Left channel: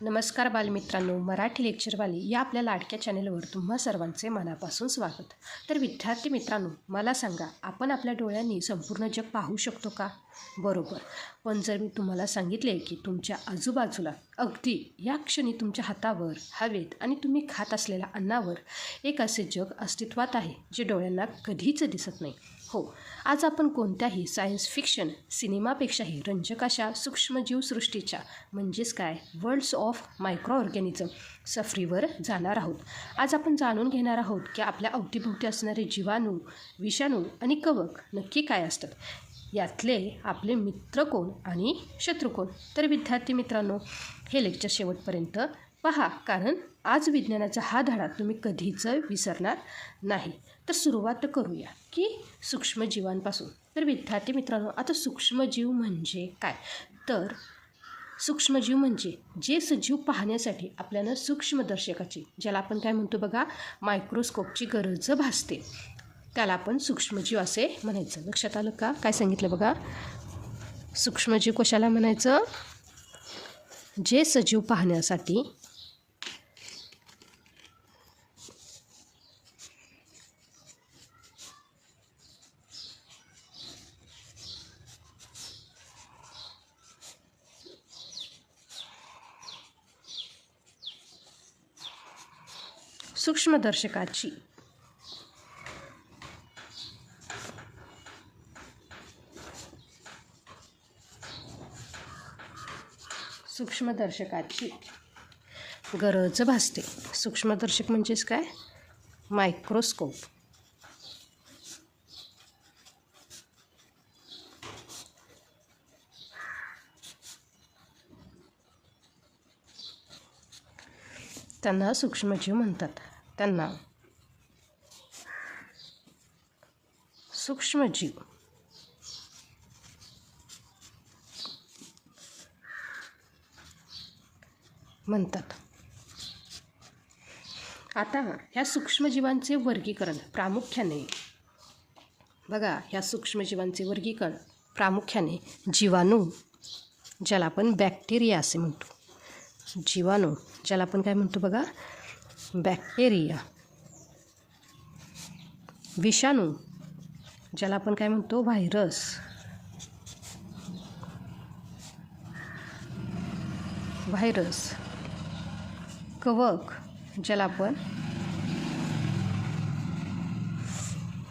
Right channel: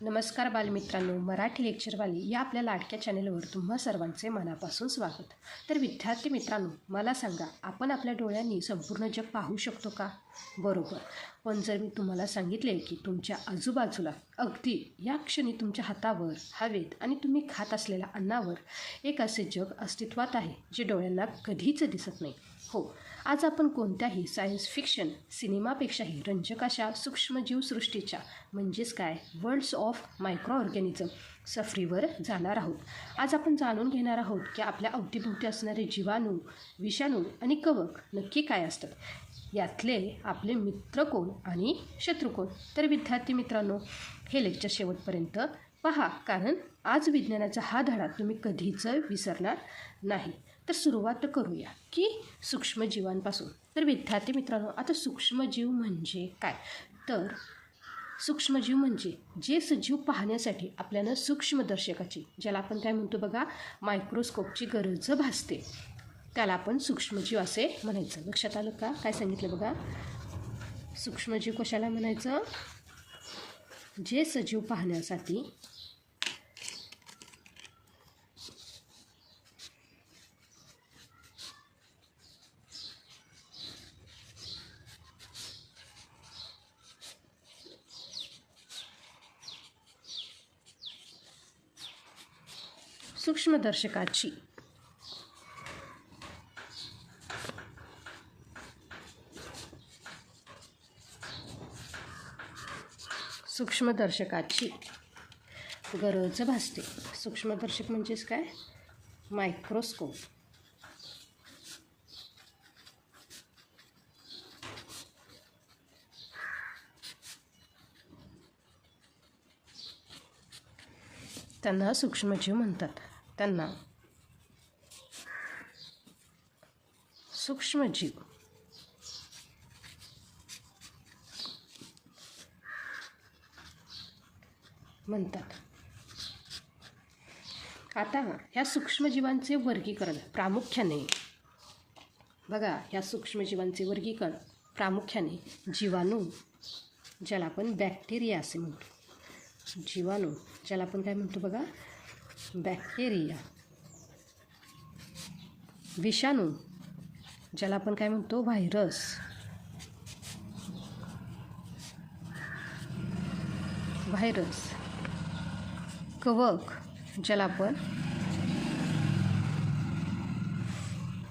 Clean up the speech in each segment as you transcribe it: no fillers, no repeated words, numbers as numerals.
नमस्कार बालमित्रांनो, मराठी लेक्चरवाली या आपल्या लाडक्या चॅनलवर तुम्हा सर्वांचे मनापासून स्वागत. तर विद्यार्थी मित्रांनो, मला सांगा, आपण आपल्या डोळ्यांनी संपूर्ण जग पाहू शकतो का? बरोबर. पण जर मी तुम्हाला सांगितले की तुमच्या आजूबाजूला अगदी या क्षणी तुमच्या हातावर, हवेत आणि तुम्ही खात असलेल्या अन्नावर एक असे जग अस्तित्वात आहे जे डोळ्यांना कधीच दिसत नाही. हो, आज आपण कोणत्याही सायन्स फिक्शन सिनेमापेक्षाही रंजक अशा सूक्ष्मजीवसृष्टीच्या म्हणजेच काय वर्ल्ड्स ऑफ मायक्रो ऑर्गॅनिझम सफरीवर जाणार आहोत. आज आपण जाणून घेणार आहोत की आपल्या अवतीभोवती असणारे जीवाणू, विषाणू आणि कवक नक्की काय असतात. यातले आपले मित्र कोण आणि शत्रू कोण? तर विद्यार्थी मित्रांनो, हे लेक्चर शेवटपर्यंत पहा, कारण आज विज्ञानाचा हा धडा तुम्ही कधीच विसरणार नाही. तर सुरुवात करूया की सूक्ष्मजीवांपासून. तर विद्यार्थी मित्रांनो, आता सूक्ष्मजीव म्हणजे काय? तर सूक्ष्मजीव म्हणजे जे सजीव पाहण्यासाठी आपल्याला सूक्ष्मदर्शकाची, ज्याला आपण काय म्हणतो बघा, मायक्रोस्कोपची गरज भासते, त्याला आपण सूक्ष्मजीव असे म्हणायचं. लक्षात आलं का? काय सांगितलं बघा, सूक्ष्मजीव कशाला म्हणायचं? जे सजीव पाहण्यासाठी सूक्ष्मदर्शकाची गरज भासते. सूक्ष्मदर्शक म्हणजेच काय? मायक्रोस्कोप. त्यांना सूक्ष्मजीव म्हणतात. त्यांना सूक्ष्मजीव म्हणतात. आता ह्या सूक्ष्मजीवांचे वर्गीकरण प्रामुख्याने बघा, ह्या सूक्ष्मजीवांचे वर्गीकरण प्रामुख्याने जीवाणू, ज्याला आपण बॅक्टेरिया असे म्हणतो. जीवाणू, ज्याला आपण काय म्हणतो बघा, बॅक्टेरिया. विषाणू, ज्याला आपण काय म्हणतो, व्हायरस. कवक, ज्याला आपण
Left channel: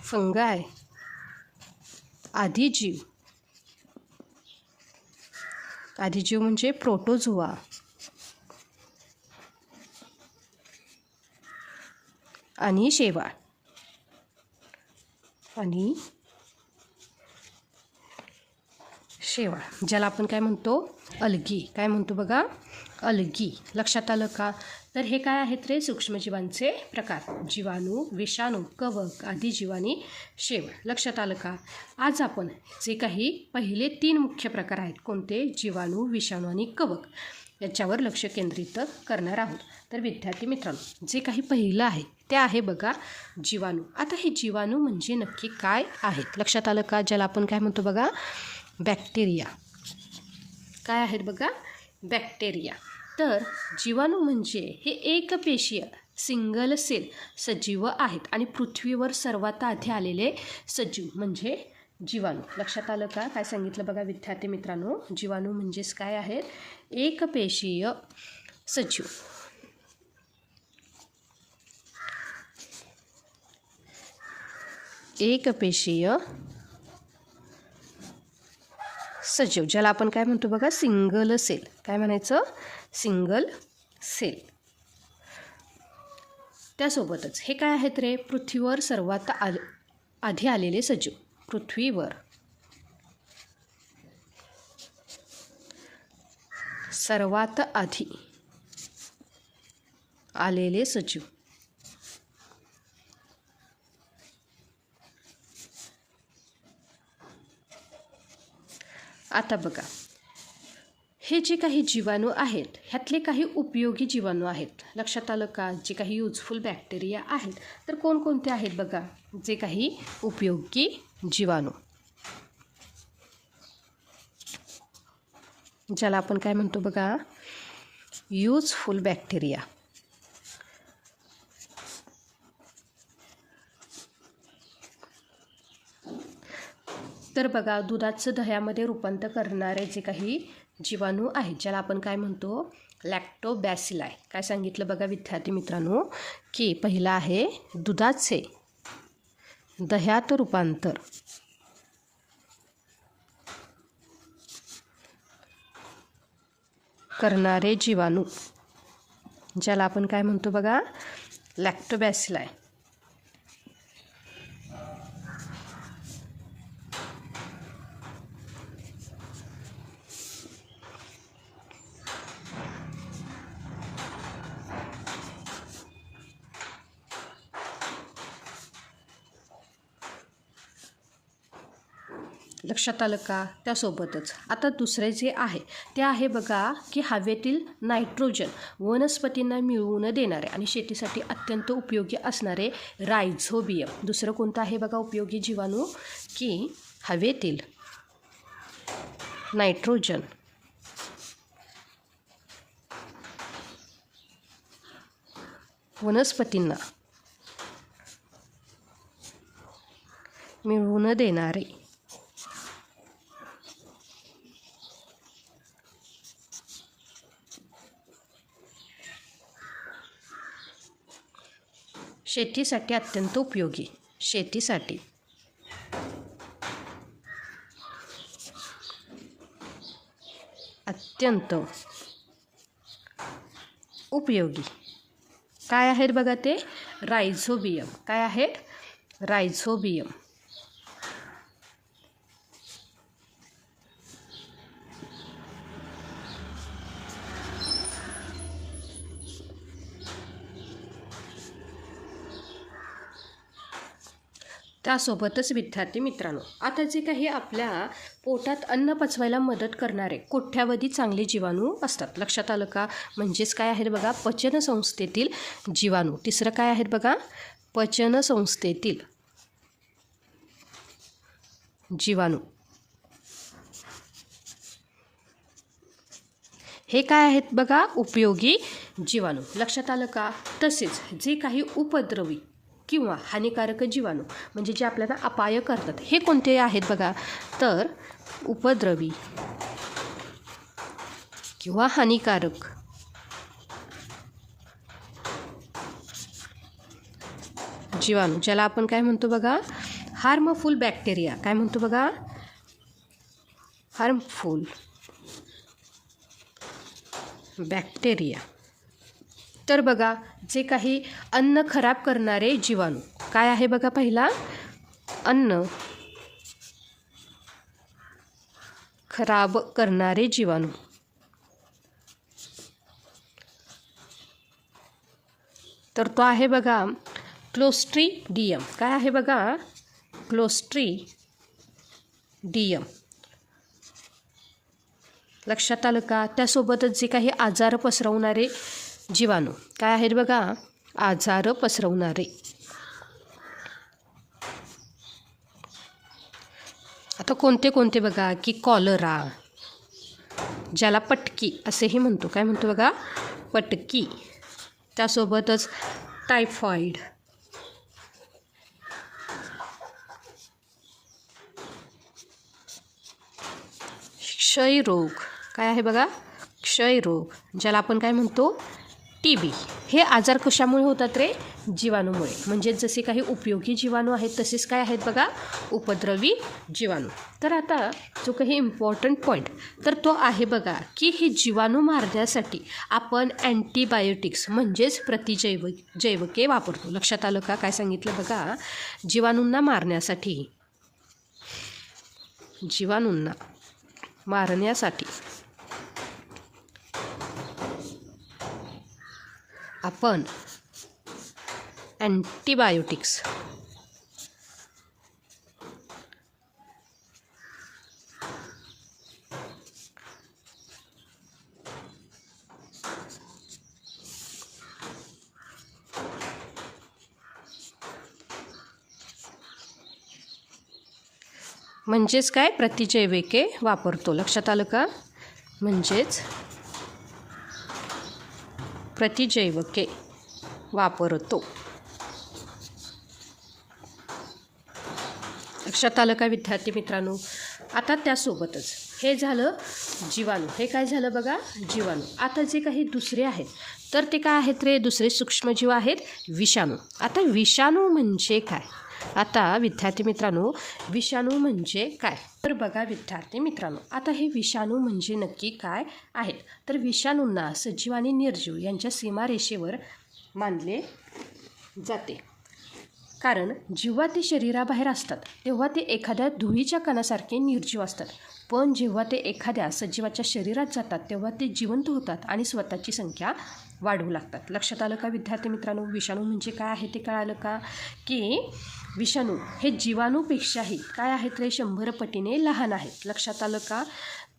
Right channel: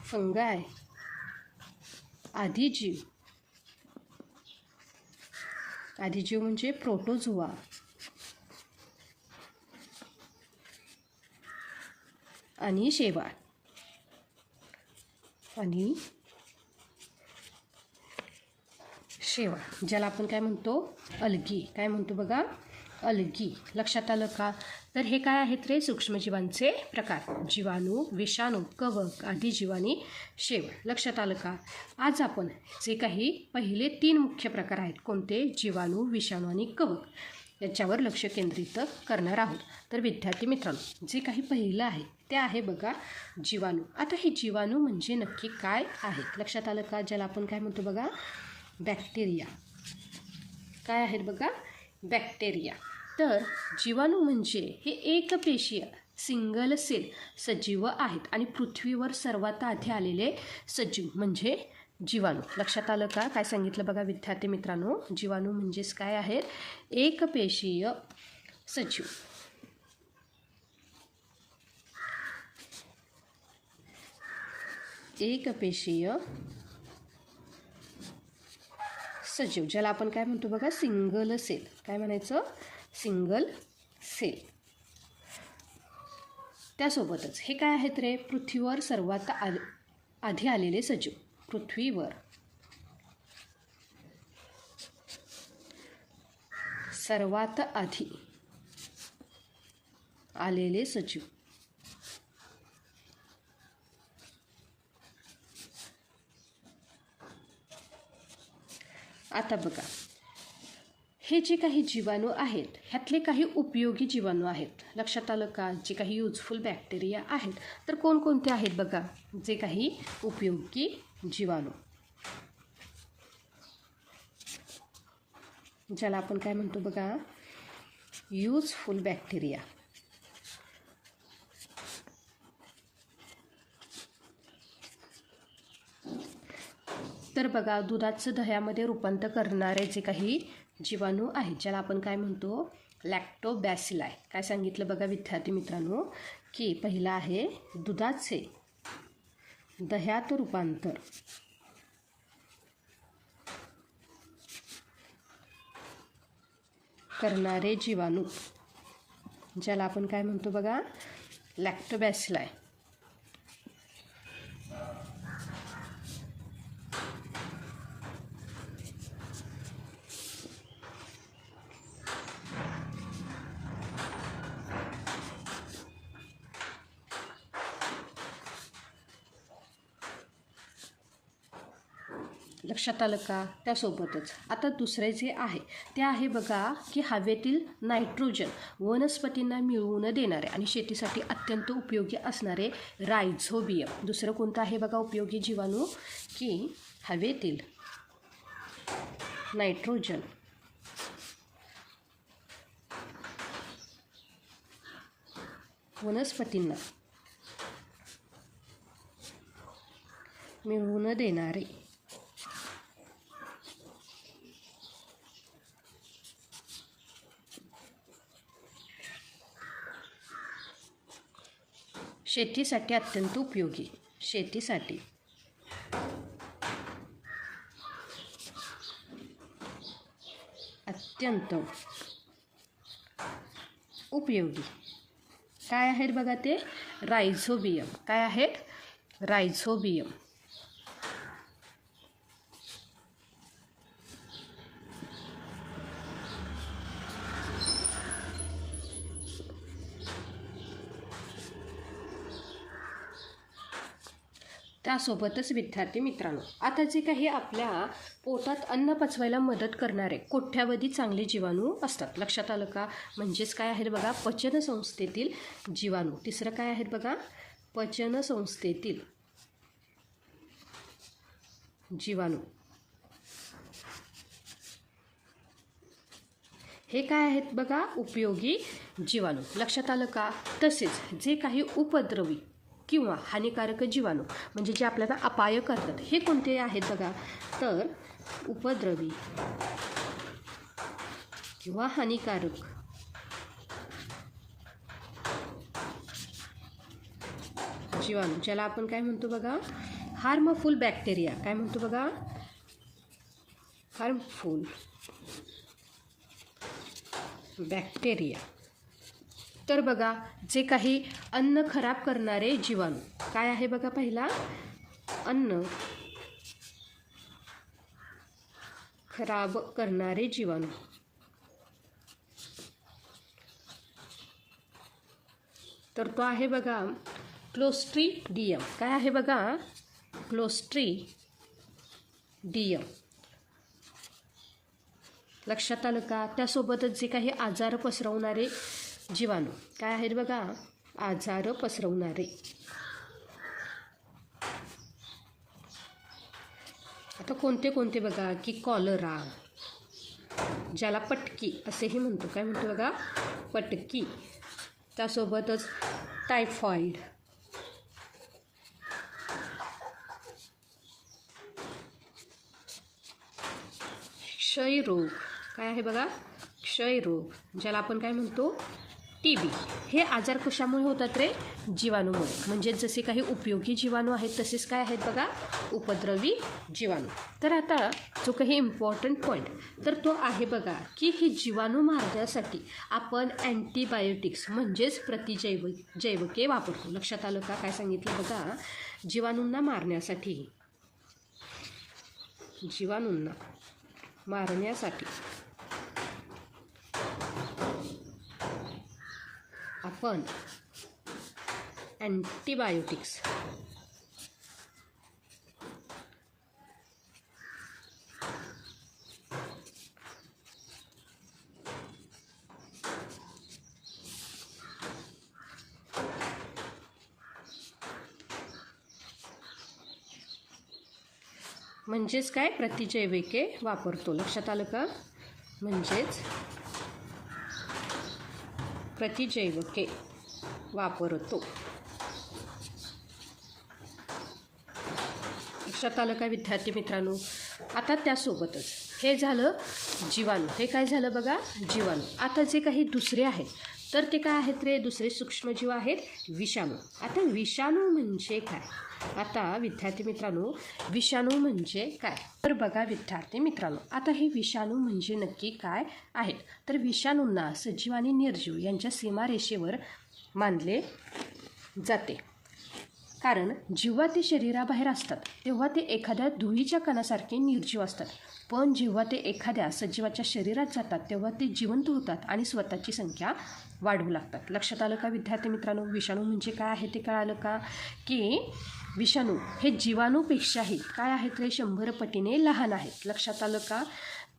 फंगाय. आदिजीव म्हणजे प्रोटोझोआ. आणि शेवाळ. ज्याला आपण काय म्हणतो, अल्गी. काय म्हणतो बघा, अल्गी. लक्षात आलं का? तर हे काय आहेत रे सूक्ष्मजीवांचे प्रकार? जीवाणू, विषाणू, कवक, आदिजीव आणि शेवाळ. लक्षात आलं का? आज आपण जे काही पहिले 3 मुख्य प्रकार आहेत, कोणते? जीवाणू, विषाणू आणि कवक, याच्यावर लक्ष केंद्रित करणार आहोत. तर विद्यार्थी मित्रांनो, जे काही पहिलं आहे ते आहे बघा, जीवाणू. आता हे जीवाणू म्हणजे नक्की काय आहेत? लक्षात आलं का? ज्याला आपण काय म्हणतो बघा, बॅक्टेरिया. काय आहेत बघा, बॅक्टेरिया. तर जीवाणू म्हणजे हे एकपेशीय सिंगल सेल सजीव आहेत आणि पृथ्वीवर सर्वात आधी आलेले सजीव म्हणजे जीवाणू. लक्षात आलं का? काय सांगितलं बघा विद्यार्थी मित्रांनो, जीवाणू म्हणजेच काय आहेत? एकपेशीय सजीव. ज्याला आपण काय म्हणतो बघा, सिंगल सेल. काय म्हणायचं? Single cell. त्यासोबतच हे काय आहेत रे? पृथ्वीवर सर्वात आधी आलेले सजीव. पृथ्वीवर सर्वात आधी आलेले सजीव. आता बघा, हे जे काही जीवाणू आहेत, ह्यातले काही उपयोगी जीवाणू आहेत. लक्षात आलं का? जे काही युजफुल बॅक्टेरिया आहेत, तर कोणकोणते आहेत बघा, जे काही उपयोगी जीवाणू. ज्याला आपण काय म्हणतो बघा, युजफुल बॅक्टेरिया. तर बघा, दुधाचं दह्यामध्ये रूपांतर करणारे जे काही जीवाणू आहेत, ज्याला आपण काय म्हणतो, लॅक्टोबॅसिलाई. काय सांगितलं बघा विद्यार्थी मित्रांनो, की पहिला आहे दुधाचे दह्यात रूपांतर करणारे जीवाणू, ज्याला आपण काय म्हणतो बघा, लॅक्टोबॅसिलाई. लक्षात आलं का? त्यासोबतच आता दुसरे जे आहे ते आहे बघा, की हवेतील नायट्रोजन वनस्पतींना मिळवून देणारे आणि शेतीसाठी अत्यंत उपयोगी असणारे रायझोबियम. दुसरं कोणतं आहे बघा उपयोगी जीवाणू, की हवेतील नायट्रोजन वनस्पतींना मिळवून देणारे शेतीसाठी अत्यंत उपयोगी, शेतीसाठी अत्यंत उपयोगी काय आहेत बघा, ते रायझोबियम. काय आहेत? रायझोबियम. त्यासोबतच विद्यार्थी मित्रांनो, आता जे काही आपल्या पोटात अन्न पचवायला मदत करणारे कोट्यावधी चांगले जीवाणू असतात. लक्षात आलं का? म्हणजेच काय आहेत बघा, पचनसंस्थेतील जीवाणू. तिसरं काय आहेत बघा, पचनसंस्थेतील जीवाणू. हे काय आहेत बघा, उपयोगी जीवाणू. लक्षात आलं का? तसेच जे काही उपद्रवी किंवा हानिकारक जीवाणू म्हणजे जे आपल्याला अपाय करतात, हे कोणते आहेत बघा, तर उपद्रवी किंवा हानिकारक जीवाणू, ज्याला आपण काय म्हणतो बघा, हार्मफुल बॅक्टेरिया. काय म्हणतो बघा, हार्मफुल बॅक्टेरिया. तर बघा, जे काही अन्न खराब करणारे जीवाणू काय आहे बघा, पहिला अन्न खराब करणारे जीवाणू. तर तो आहे बघा क्लोस्ट्रीडियम. काय आहे बघा, क्लोस्ट्रीडियम. लक्षात आलं का? त्यासोबतच जे काही आजार पसरवणारे जीवाणू काय आहेत बघा, आजार पसरवणारे. आता कोणते कोणते बघा, की कॉलरा, ज्याला पटकी असेही म्हणतो. काय म्हणतो बघा, पटकी. त्यासोबतच टायफॉइड, क्षयरोग. काय आहे बघा, क्षयरोग, ज्याला आपण काय म्हणतो, TB. हे आजार कशामुळे होतात रे, जीवाणूमुळे. म्हणजे जसे काही उपयोगी जीवाणू आहेत तसेच काय आहेत बघा, उपद्रवी जीवाणू. तर आता जो काही इम्पॉर्टंट पॉईंट तर तो आहे बघा, की हे जीवाणू मारण्यासाठी आपण अँटीबायोटिक्स म्हणजेच जैवके वापरतो. लक्षात आलं का? काय सांगितलं बघा, जीवाणूंना मारण्यासाठी आपण अँटीबायोटिक्स म्हणजेच काय, प्रतिजैविके वापरतो. लक्षात आलं का? म्हणजेच प्रतिजैवके वापरतो. लक्षात आलं का विद्यार्थी मित्रांनो? आता त्यासोबतच हे झालं जीवाणू. हे काय झालं बघा? जीवाणू. आता जे काही दुसरे आहेत तर ते काय आहेत रे? दुसरे सूक्ष्मजीव आहेत विषाणू. आता विषाणू म्हणजे काय? आता विद्यार्थी मित्रांनो, विषाणू म्हणजे काय? तर बघा विद्यार्थी मित्रांनो, आता हे विषाणू म्हणजे नक्की काय आहेत? तर विषाणूंना सजीव आणि निर्जीव यांच्या सीमारेषेवर मानले जाते. कारण जेव्हा ते शरीराबाहेर असतात तेव्हा ते एखाद्या धुळीच्या कणासारखे निर्जीव असतात, पण जेव्हा ते एखाद्या सजीवाच्या शरीरात जातात तेव्हा ते जिवंत होतात आणि स्वतःची संख्या वाढवू लागतात. लक्षात आलं का विद्यार्थी मित्रांनो? विषाणू म्हणजे काय आहे ते कळालं का? की विषाणू हे जीवाणूपेक्षाही काय आहेत रे? 100 पटीने लहान आहेत. लक्षात आलं का?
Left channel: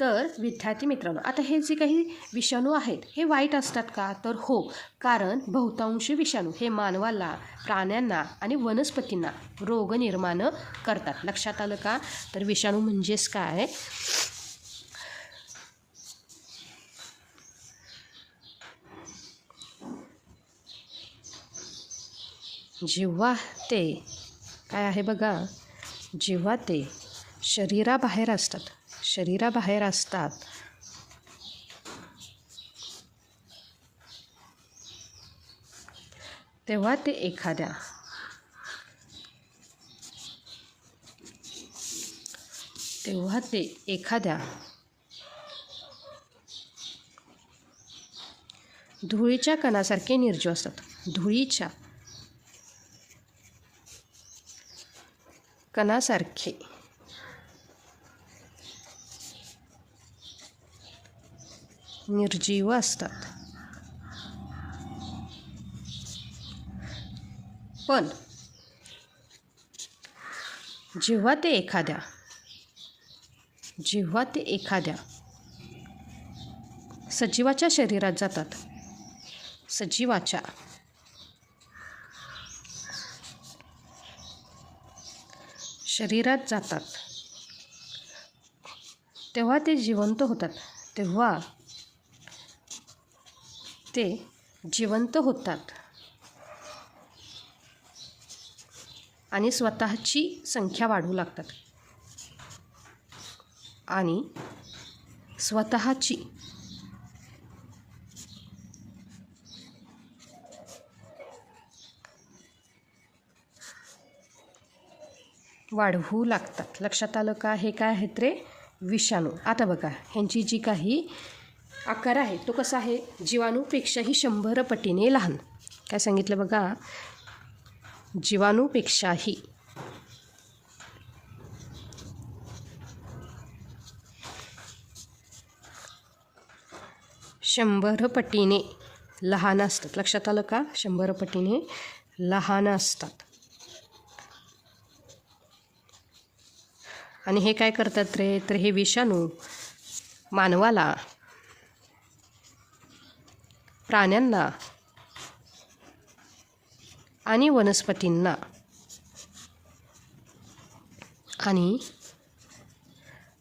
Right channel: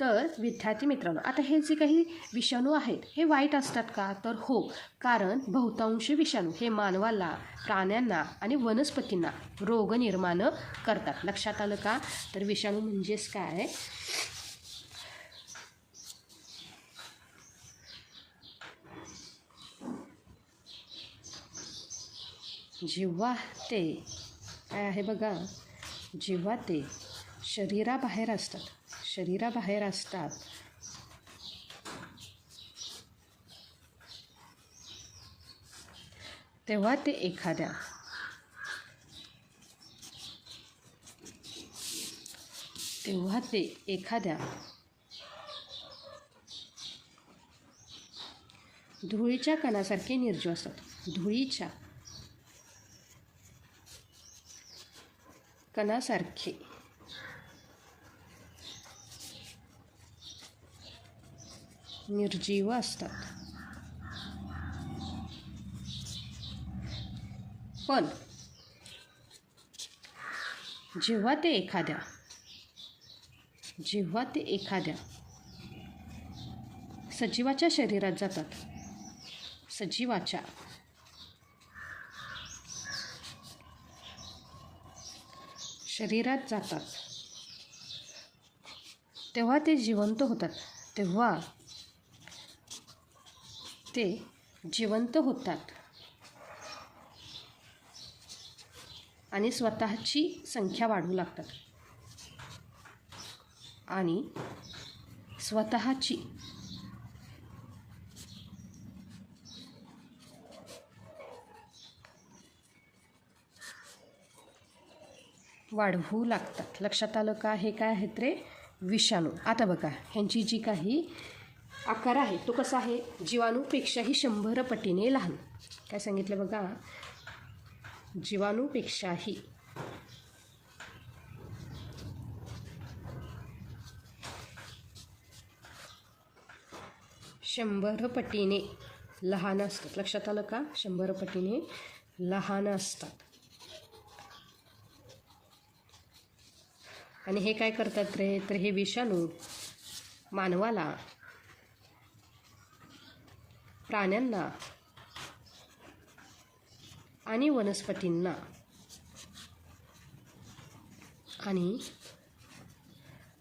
तर विद्यार्थी मित्रांनो, आता हे जे काही विषाणू आहेत हे वाईट असतात का? तर हो, कारण बहुतांश विषाणू हे मानवाला, प्राण्यांना आणि वनस्पतींना रोग निर्माण करतात. लक्षात आलं का? तर विषाणू म्हणजेच काय? जेव्हा ते काय आहे बघा? जेव्हा ते शरीराबाहेर असतात तेव्हा ते एखाद्या धुळीच्या कणासारखे निर्जीव असतात. धुळीच्या कणासारखे निर्जीव असतात. पण जेव्हा ते एखाद्या सजीवाच्या शरीरात जातात, तेव्हा ते जिवंत होतात. आणि स्वतःची संख्या वाढवू लागतात. आणि स्वतःची 'वाढवू लागतात. लक्षात आलं का? हे काय आहेत रे? विषाणू. आता बघा ह्यांची जी काही आकार आहे तो कसा आहे? जीवाणूपेक्षाही 100 पटीने लहान. काय सांगितलं बघा? जीवाणूपेक्षाही 100 पटीने लहान असतात. लक्षात आलं का? 100 पटीने लहान असतात. आणि हे काय करतात रे? तर हे विषाणू मानवाला, प्राण्यांना आणि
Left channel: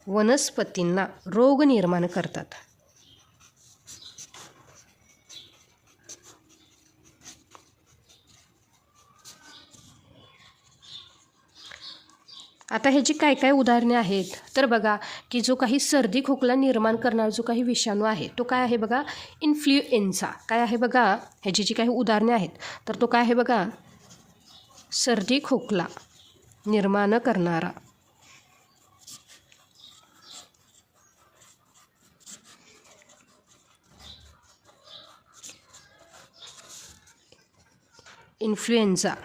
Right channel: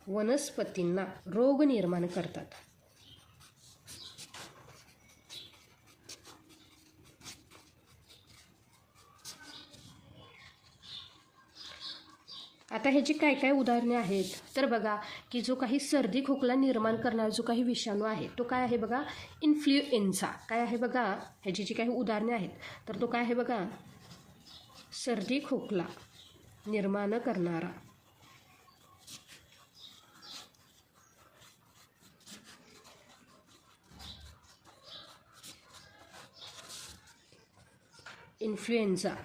वनस्पतींना रोग निर्माण करतात. आता ह्याची काय काय उदाहरणे आहेत? तर बघा की जो काही सर्दी खोकला निर्माण करणारा जो काही विषाणू आहे तो काय आहे बघा? इन्फ्लुएन्झा. काय आहे बघा? ह्याची जी काही उदाहरणे आहेत तर तो काय आहे बघा? सर्दी खोकला निर्माण करणारा इन्फ्लुएन्झा.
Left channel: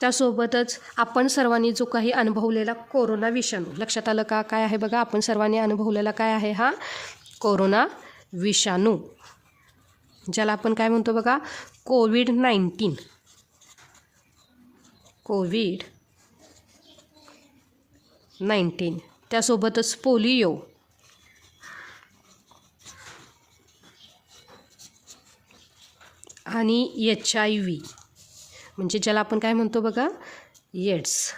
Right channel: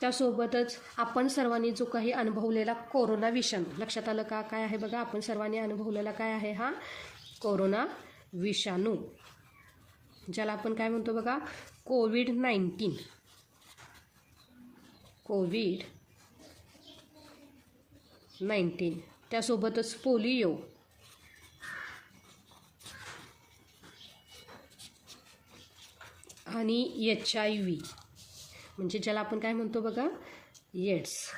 त्यासोबतच आपण सर्वांनी जो काही अनुभवलेला कोरोना विषाणू. लक्षात आलं का? काय आहे बघा? आपण सर्वांनी अनुभवलेला काय आहे हा? कोरोना विषाणू, ज्याला आपण काय म्हणतो बघा? कोविड-19. त्यासोबतच पोलिओ, आणि HIV म्हणजे ज्याला आपण काय म्हणतो बघा? एड्स.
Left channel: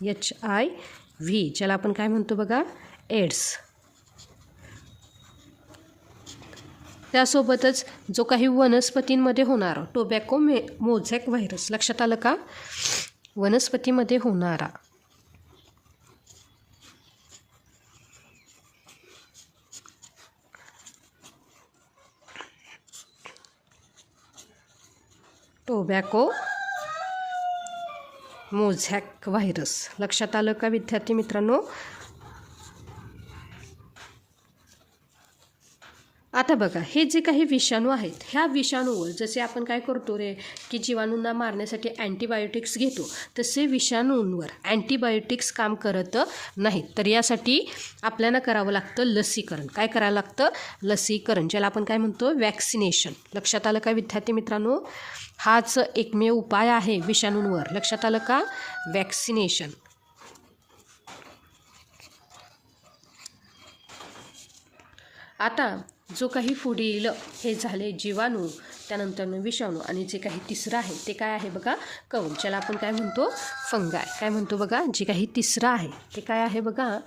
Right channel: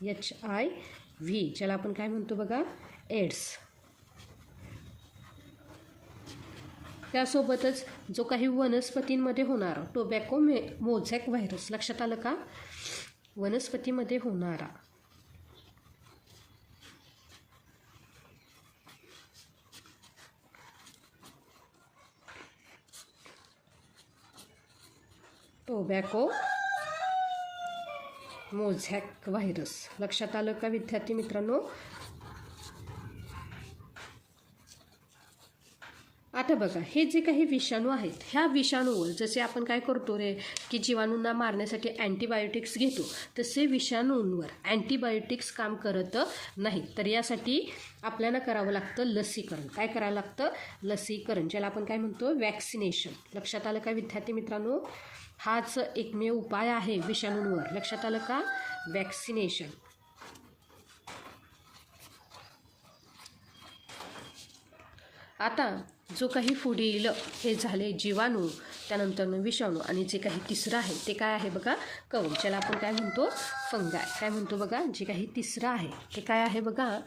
HIV व्ही, ज्याला आपण काय म्हणतो बघा, एड्स. त्यासोबतच जो काही वनस्पतींमध्ये होणारा टोबॅको मोझॅक व्हायरस, लक्षात आलं का, वनस्पतीमध्ये होणारा टोबॅको मोझॅक व्हायरस. लक्षात आलं का विद्यार्थी मित्रांनो. आता बघा, हे जे काही विषाणू आहेत, ह्या विषाणूवर जसे आपण काय करतो रे की जीवाणूंना मारण्यासाठी अँटीबायोटिक्स घेतो, तसे विषाणूंवर अँटीबायोटिक्स काम करत नाहीत. तर यासाठी आपल्याला करावं लागतं लसीकरण. काय करावं लागतं, लसीकरण, ज्याला आपण काय म्हणतो, वॅक्सिनेशन. लक्षात आलं का विद्यार्थी मित्रांनो. हाच एकमेव उपाय आहे विषाणूंवर. लक्षात आलं का, वॅक्सिनेशन. आता जो काही पुढील हे झाले जीवाणू, त्यानंतर विषाणू, आणि जे काही तिसरं आहे ते काय आहे बघा, कवक, ज्याला आपण काय म्हणतो, फंगाय. काय म्हणतो बघा, जे काही तिसरं आहे ते काय आहे बघा,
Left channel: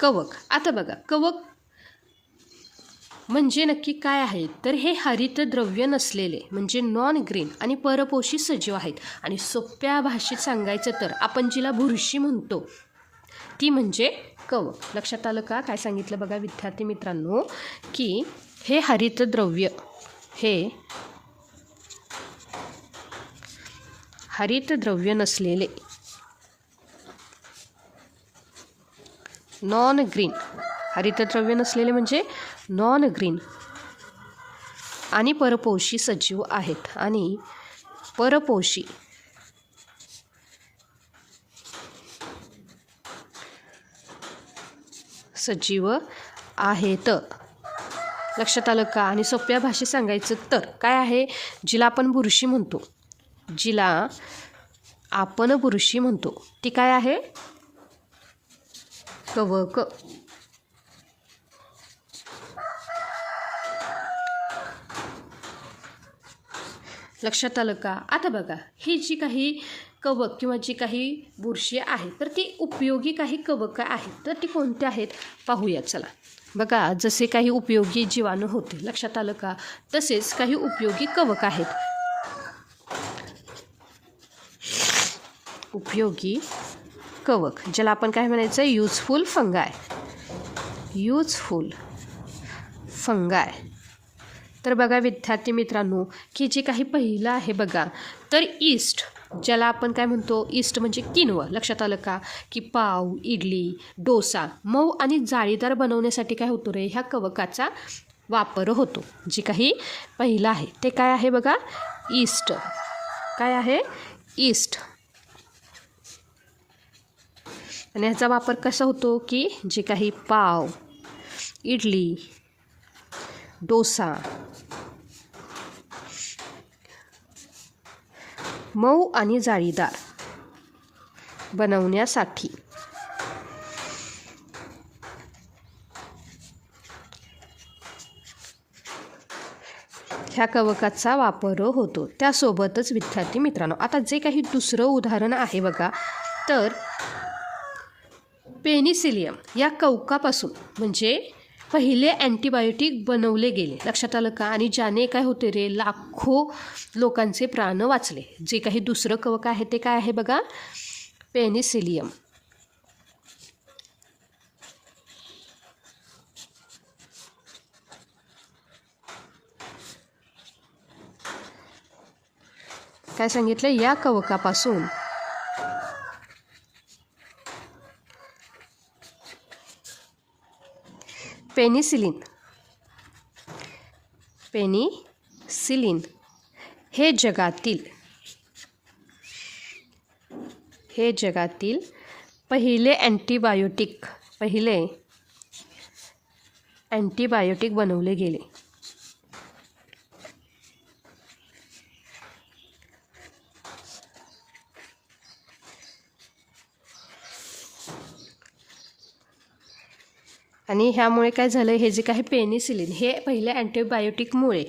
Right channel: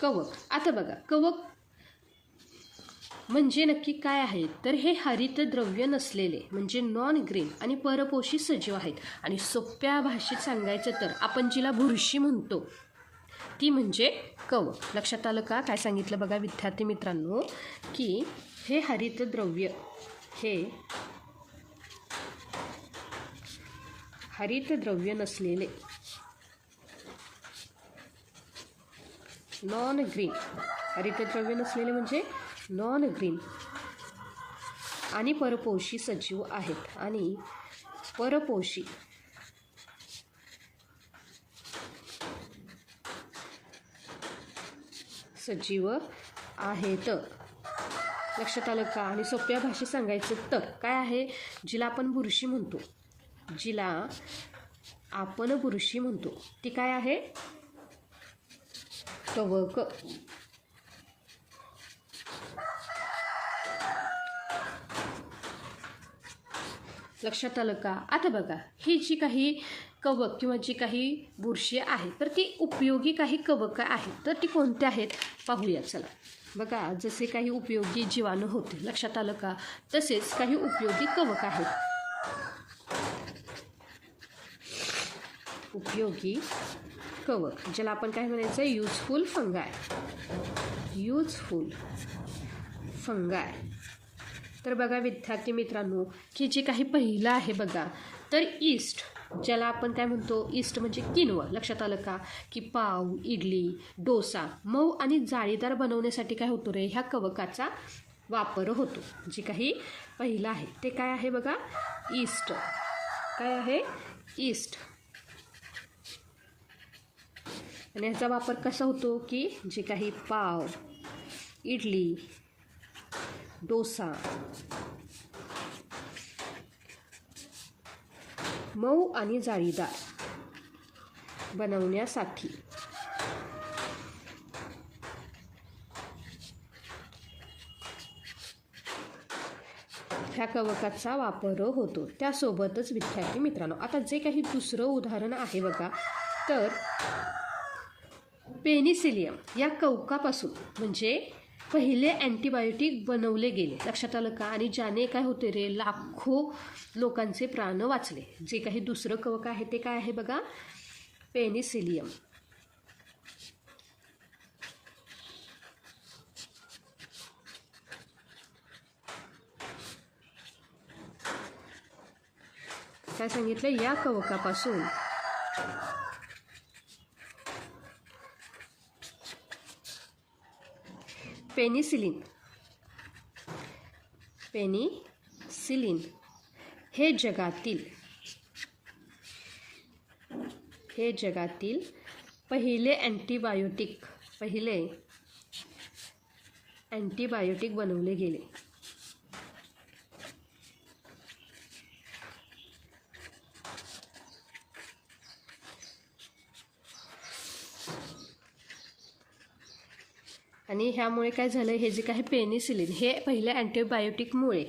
कवक. आता बघा, कवक म्हणजे नक्की काय आहे, तर हे हरितद्रव्य नसलेले म्हणजे नॉन ग्रीन आणि परपोषी सजीव आहेत. आणि सोप्या भाषेत सांगायचं तर आपण जिला बुरशी म्हणतो ती म्हणजे कवक. लक्षात आलं का. काय सांगितलं बघा विद्यार्थी मित्रांनो, की हे हरितद्रव्य, हे हरितद्रव्य नसलेले नॉन ग्रीन, हरितद्रव्य नसलेले म्हणजे नॉन ग्रीन आणि परपोषी सजीव आहेत. आणि परपोषी सजीव आहेत. लक्षात आलं का. आणि सोप्या भाषेत सांगायचं तर काय आहे, जिला आपण बुरशी म्हणतो, जिला आपण बुरशी म्हणतो ती काय आहे, कवक. लक्षात आलं का. आता बघा, ही जी काही कवक किंवा जी काही बुरशी आहे तर ती उपयोगी काही कवक आहेत, तर ती कोणत्या आहेत पाहूया चला. बघा, जसे काही उपयोगी जीवाणू होते, लक्षात आलं का, तसेच काही उपयोगी कवक आहेत. उपयोगी कवक, ज्याला आपण काय म्हणायचं, युजफुल फंगाय. युजफुल फंगाय. तर बघा विद्यार्थी मित्रांनो, की जे काही पहिलं आहे बघा, तर ईस्ट, ज्याला आपण काय म्हणतो, ईस्ट म्हणजे किनवा. लक्षात आलं का, की पाव, इडली, डोसा मऊ आणि जाळीदार बनवण्यासाठी काय होतो रे, ह्या कवकाचा वापर होतो. जे काही पहिलं आहे ते काय आहे बघा, ईस्ट. काय आहे, ईस्ट. आणि ह्याचा वापर कसा होतो, की जे काही पाव, इडली, डोसा मऊ आणि जाळीदार बनवण्यासाठी. ह्या कवकाचा वापर होतो. त्यासोबतच विद्यार्थी मित्रांनो, आता जे काही दुसरं उदाहरण आहे बघा, तर पेनिसिलियम या कवकापासून म्हणजे पहिले अँटीबायोटिक बनवले गेले. लक्षात आलं का. आणि ज्याने काय होते रे, लाखो लोकांचे प्राण वाचले. जे काही दुसरं कवक आहे ते काय आहे बघा, पेनिसिलियम. काय सांगितलं, या कवकापासून पेनिसिलिन हे जगातील पहिले अँटीबायोटिक बनवले गेले. आणि ह्यामुळे काय झालं, हे जे काही पेनिसिलिन हे पहिल्या अँटीबायोटिकमुळे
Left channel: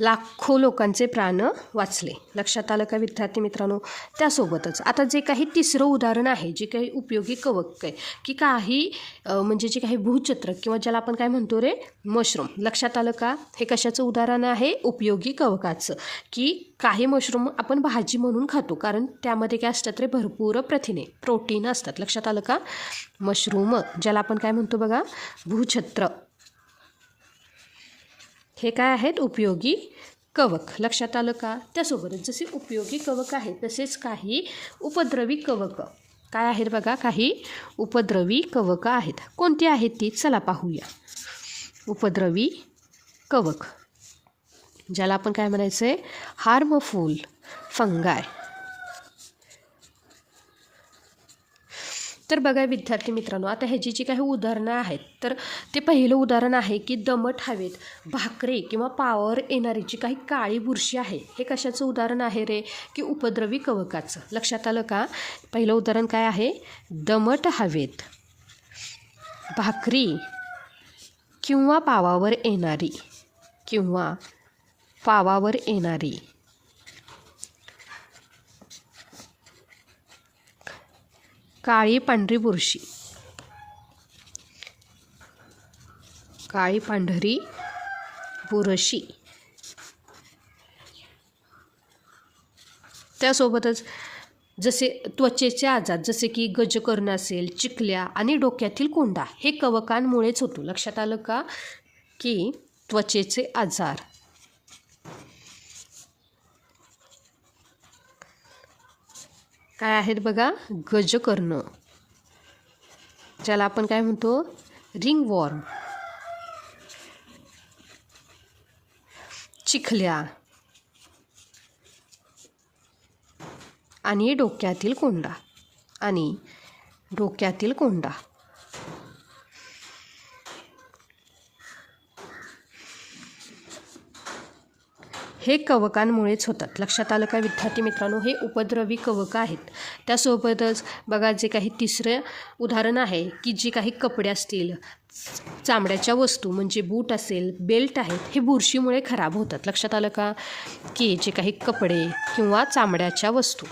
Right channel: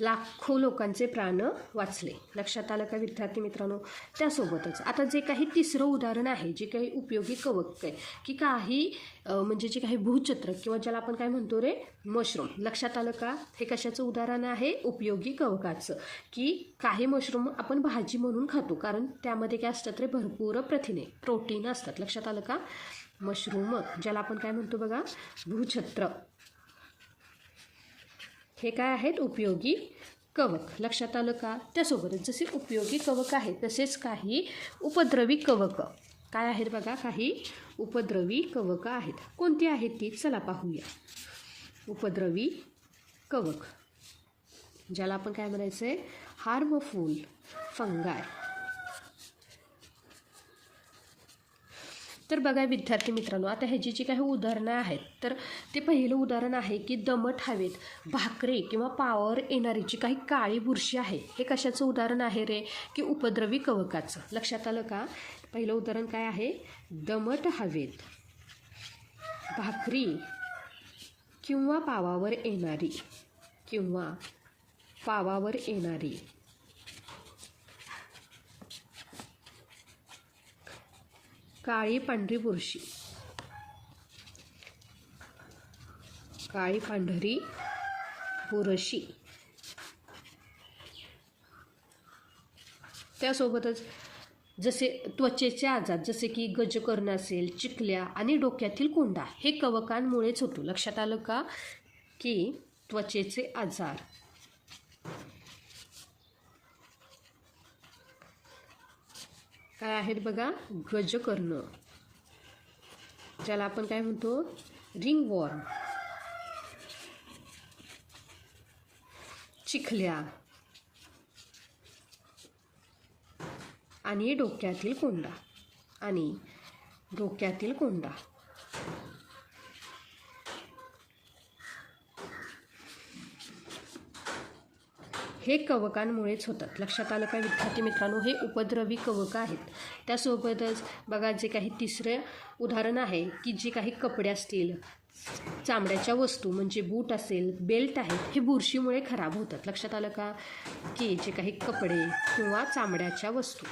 लाखो लोकांचे प्राण वाचले. लक्षात आलं का विद्यार्थी मित्रांनो? त्यासोबतच आता जे काही तिसरं उदाहरण आहे, जे काही उपयोगी कवक आहे, की काही म्हणजे जे काही भूछत्र किंवा ज्याला आपण काय म्हणतो रे, मशरूम. लक्षात आलं का? हे कशाचं उदाहरण आहे? उपयोगी कवकाचं. की काही मशरूम आपण भाजी म्हणून खातो, कारण त्यामध्ये काय असतात रे, भरपूर प्रथिने, प्रोटीन असतात. लक्षात आलं का? मशरूम ज्याला आपण काय म्हणतो बघा, भूछत्र. हे काय आहेत? उपयोगी कवक. लक्षात आलं का? त्यासोबतच जसे उपयोगी कवक आहेत तसेच काही उपद्रवी कवक काय आहेत बघा, काही उपद्रवी कवक आहेत. कोणती आहेत ती? चला पाहूया. उपद्रवी कवक ज्याला आपण काय म्हणायचं आहे, हार्मफुल फंगाय. तर बघा विद्यार्थी मित्रांनो, आता ह्याची जी काही उदाहरणं आहेत, तर ते पहिलं उदाहरण आहे की दमट हवेत भाकरे किंवा पावर येणारी जी काही काळी बुरशी आहे, हे कशाचं उदाहरण आहे रे, की उपद्रवी कवकाचं. लक्षात आलं का? पहिलं उदाहरण काय आहे? दमट हवेत भाकरी किंवा पावावर येणारी काळी पांढरी बुरशी. काळी पांढरी बुरशी. त्यासोबतच जसे त्वचेचे आजार, जसे की गजकर्ण असेल, चिखल्या आणि डोक्यातील कोंडा, हे कवकांमुळेच होतो. लक्षात आलं का? की त्वचेचे आजार, काय आहेत बघा, गजकर्ण ज्याला आपण काय म्हणतो, रिंगवॉर्म, चिखल्या आणि डोक्यातील कोंडा. हे कवकांमुळेच होतात. लक्षात आलं का विद्यार्थी मित्रांनो? हे उपद्रवी कवक आहेत. त्यासोबतच बघा जे काही तिसरं उदाहरण आहे, की जे काही कपडे असतील, चामड्याच्या वस्तू म्हणजे बूट असेल, बेल्ट आहेत, हे बुरशीमुळे खराब होतात. लक्षात आलं का? की जे काही कपडे किंवा चामड्याच्या वस्तू.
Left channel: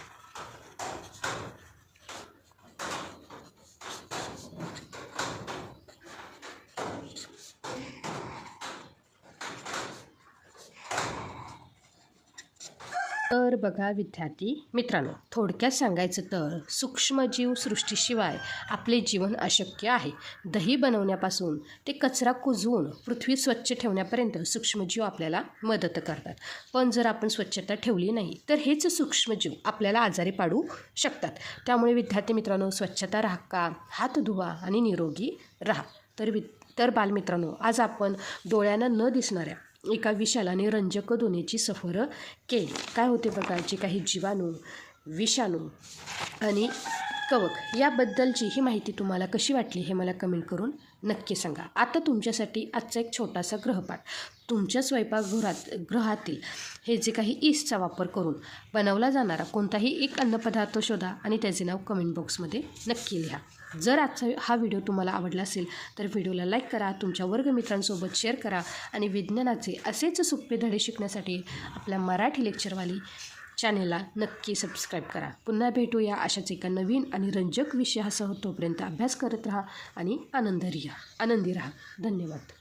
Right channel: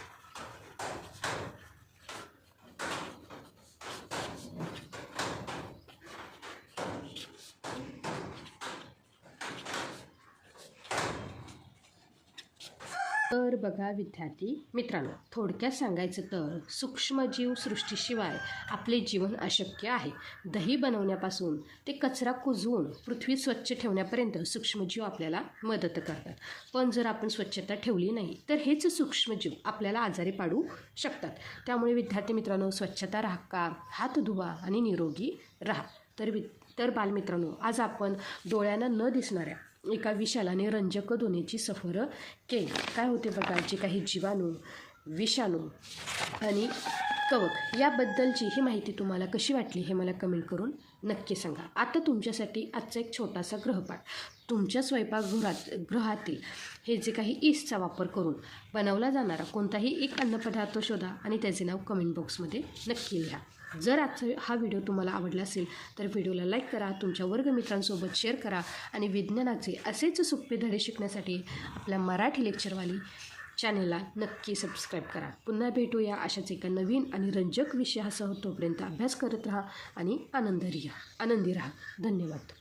तर बघा विद्यार्थी मित्रांनो, थोडक्यात सांगायचं तर सूक्ष्मजीव सृष्टीशिवाय आपले जीवन अशक्य आहे. दही बनवण्यापासून ते कचरा कुजवून पृथ्वी स्वच्छ ठेवण्यापर्यंत सूक्ष्मजीव आपल्याला मदत करतात. पण जर आपण स्वच्छता ठेवली नाही तर हेच सूक्ष्मजीव आपल्याला आजारी पाडू शकतात. त्यामुळे विद्यार्थी मित्रांनो, स्वच्छता राखा, हात धुवा आणि निरोगी राहा. तर बालमित्रांनो, आज आपण डोळ्यांना न दिसणाऱ्या एका विशाल आणि रंजक दुनियेची सफर केली. काय होते बघा, जे काही जीवाणू, विषाणू आणि कवक याबद्दलची ही माहिती तुम्हाला कशी वाटली हे मला कमेंट करून नक्की सांगा. आता तुमच्यासाठी आजचा एक छोटासा गृहपाठ. तुमच्या स्वयंपाकगृहातील हे जे काही ईस्टचा वापर करून बनवला जाणारा कोणताही एक अन्नपदार्थ शोधा आणि त्याचे नाव कमेंट बॉक्समध्ये नक्की लिहा. जर आजचा हा व्हिडिओ तुम्हाला आवडला असेल तर व्हिडिओला लाईक करा, तुमच्या वर्गमित्रांसोबत शेअर करा आणि विज्ञानाचे असेच सोपे धडे शिकण्यासाठी आपल्या मराठी लेक्चरवाली चॅनेलला नक्की सबस्क्राईब करा. पुन्हा भेटूया अशाच एका नवीन आणि रंजक विषयासह. तोपर्यंत अभ्यास करत राहा आणि आनंदी राहा. धन्यवाद.